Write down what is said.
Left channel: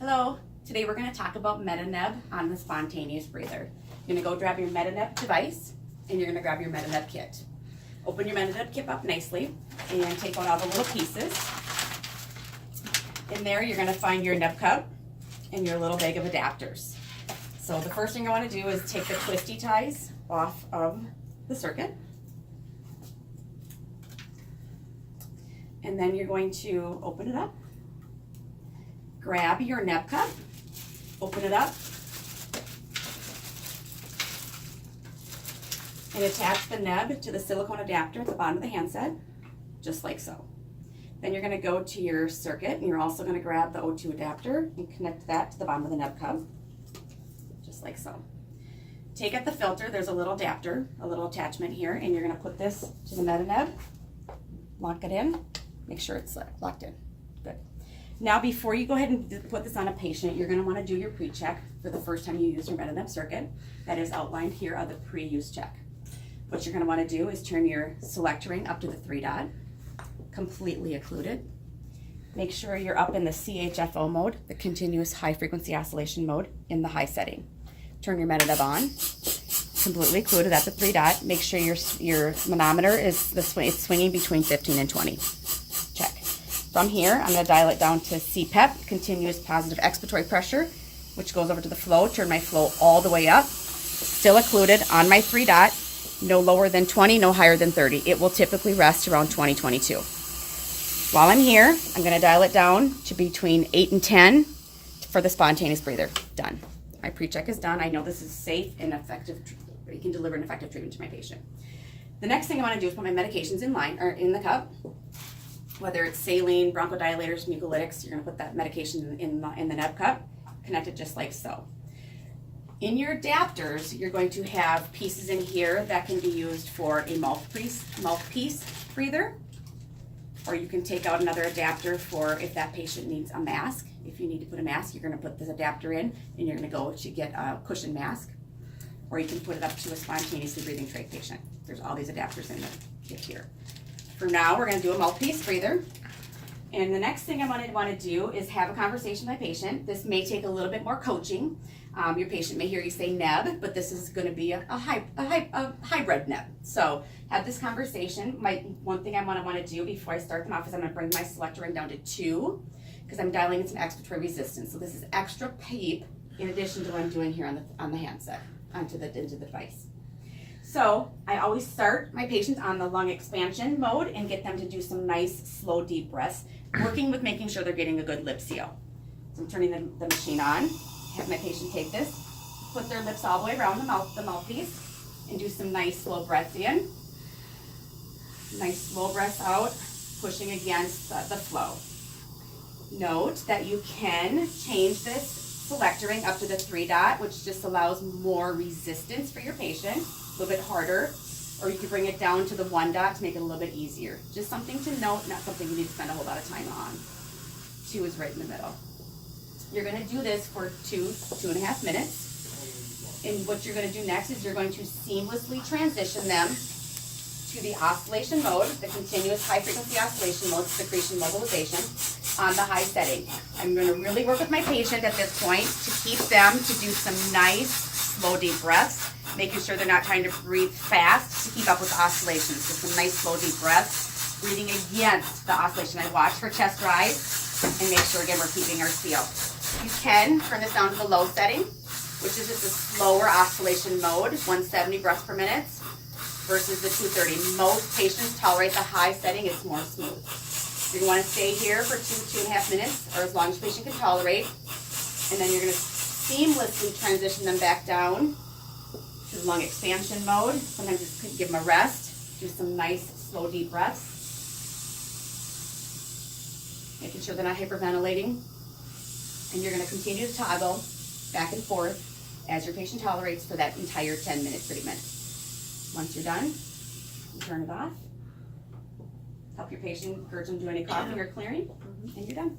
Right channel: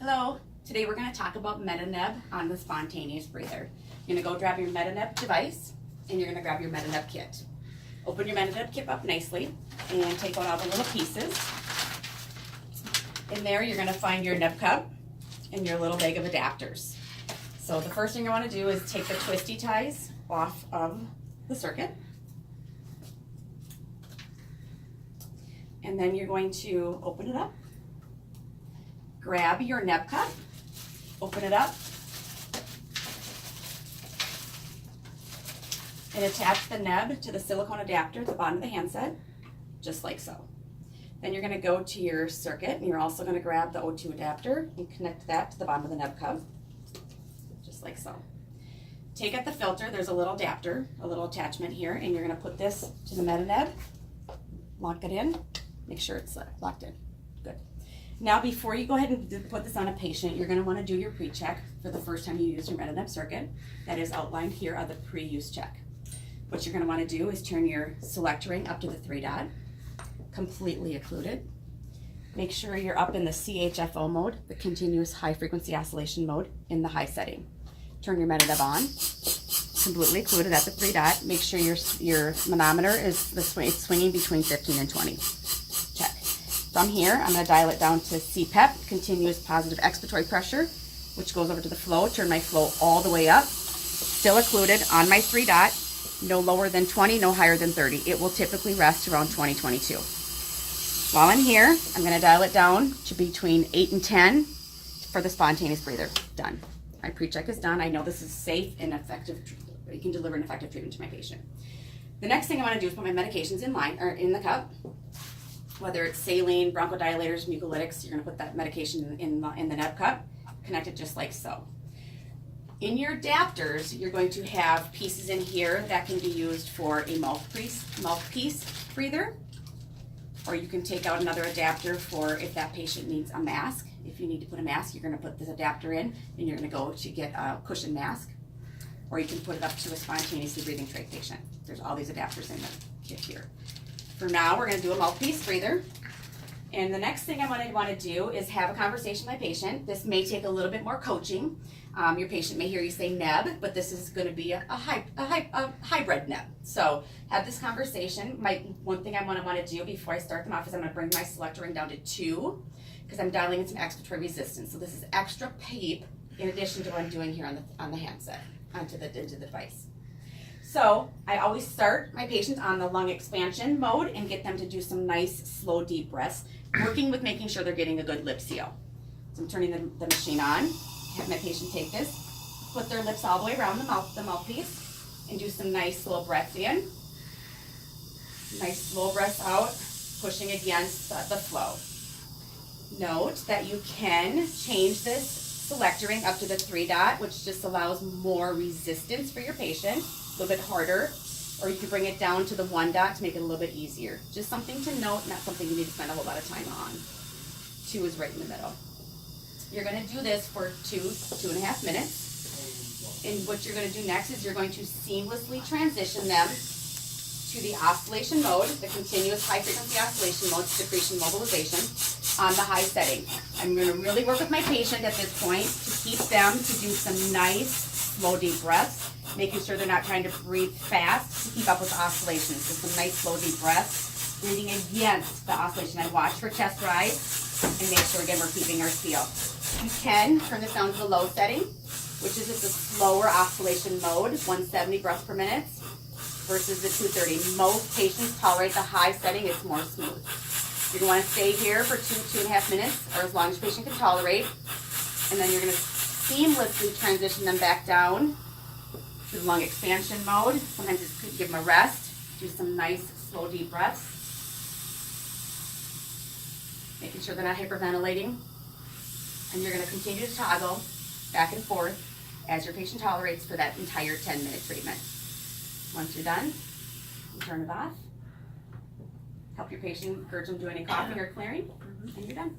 Hello, today we're going to talk about Metaneb on the spontaneous breather. You're going to go grab your Metaneb device and you're going to grab your Metaneb kit. Open your Metaneb kit up nicely and take out all the little pieces. In there you're going to find your neb cup and your little bag of adapters. So the first thing I want to do is take the twisty ties off of the circuit. And then you're going to open it up. Grab your neb cup, open it up, and attach the neb to the silicone adapter at the bottom of the handset, just like so. Then you're going to go to your circuit, and you're also going to grab the O2 adapter and connect that to the bottom of the neb cup, just like so. Take out the filter, there's a little adapter, a little attachment here, and you're going to put this to the Metaneb, lock it in, make sure it's locked in. Good. Now, before you go ahead and put this on a patient, you're going to want to do your pre-check for the first time you use your Metaneb circuit. That is outlined here on the pre-use check. What you're going to want to do is turn your select ring up to the 3 dot, completely occluded. Make sure you're up in the CHFO mode, the continuous high frequency oscillation mode, in the high setting. Turn your Metaneb on, completely occluded at the 3 dot. Make sure your manometer is swinging between 15 and 20. Check. From here, I'm going to dial it down to CPEP, continuous positive expiratory pressure, which goes over to the flow. Turn my flow all the way up, still occluded on my 3 dot, no lower than 20, no higher than 30. It will typically rest around 20, 22. While I'm here, I'm going to dial it down to between 8 and 10 for the spontaneous breather. Done. My pre-check is done. I know this is safe and effective. You can deliver an effective treatment to my patient. The next thing I want to do is put my medications in line, or in the cup. Whether it's saline, bronchodilators, mucolytics, you're going to put that medication in the neb cup, connect it just like so. In your adapters, you're going to have pieces in here that can be used for a mouthpiece breather, or you can take out another adapter for if that patient needs a mask. If you need to put a mask, you're going to put this adapter in, and you're going to go to get a cushion mask, or you can put it up to a spontaneously breathing trach patient. There's all these adapters in the kit here. For now, we're going to do a mouthpiece breather. And the next thing I want to do is have a conversation with my patient. This may take a little bit more coaching. Your patient may hear you say neb, but this is going to be a hybrid neb. So have this conversation. One thing I want to do before I start them off is I'm going to bring my selector ring down to 2 because I'm dialing in some expiratory resistance. So this is extra PEEP in addition to what I'm doing here on the handset, into the device. So I always start my patients on the lung expansion mode and get them to do some nice, slow, deep breaths, working with making sure they're getting a good lip seal. So I'm turning the machine on, have my patient take this, put their lips all the way around the mouthpiece, and do some nice, slow breaths in, nice, slow breaths out, pushing against the flow. Note that you can change this selector ring up to the 3 dot, which just allows more resistance for your patient. A little bit harder, or you can bring it down to the 1 dot to make it a little bit easier. Just something to note, not something you need to spend a whole lot of time on. 2 is right in the middle. You're going to do this for 2.5 minutes. And what you're going to do next is you're going to seamlessly transition them to the oscillation mode, the continuous high frequency oscillation mode, secretion mobilization, on the high setting. I'm going to really work with my patient at this point to keep them to do some nice, slow, deep breaths, making sure they're not trying to breathe fast to keep up with the oscillations. Just some nice, slow, deep breaths, breathing against the oscillation. I watch for chest rise and make sure, again, we're keeping our seal. You can turn this down to the low setting, which is just a slower oscillation mode, 170 breaths per minute versus the 230. Most patients tolerate the high setting, it's more smooth. You're going to want to stay here for 2.5 minutes, or as long as the patient can tolerate, and then you're going to seamlessly transition them back down to the lung expansion mode. Sometimes just give them a rest, do some nice, slow, deep breaths, making sure they're not hyperventilating. And you're going to continue to toggle back and forth as your patient tolerates for that entire 10-minute treatment. Once you're done, you turn it off. Help your patient, encourage them to do any coughing or clearing, and you're done.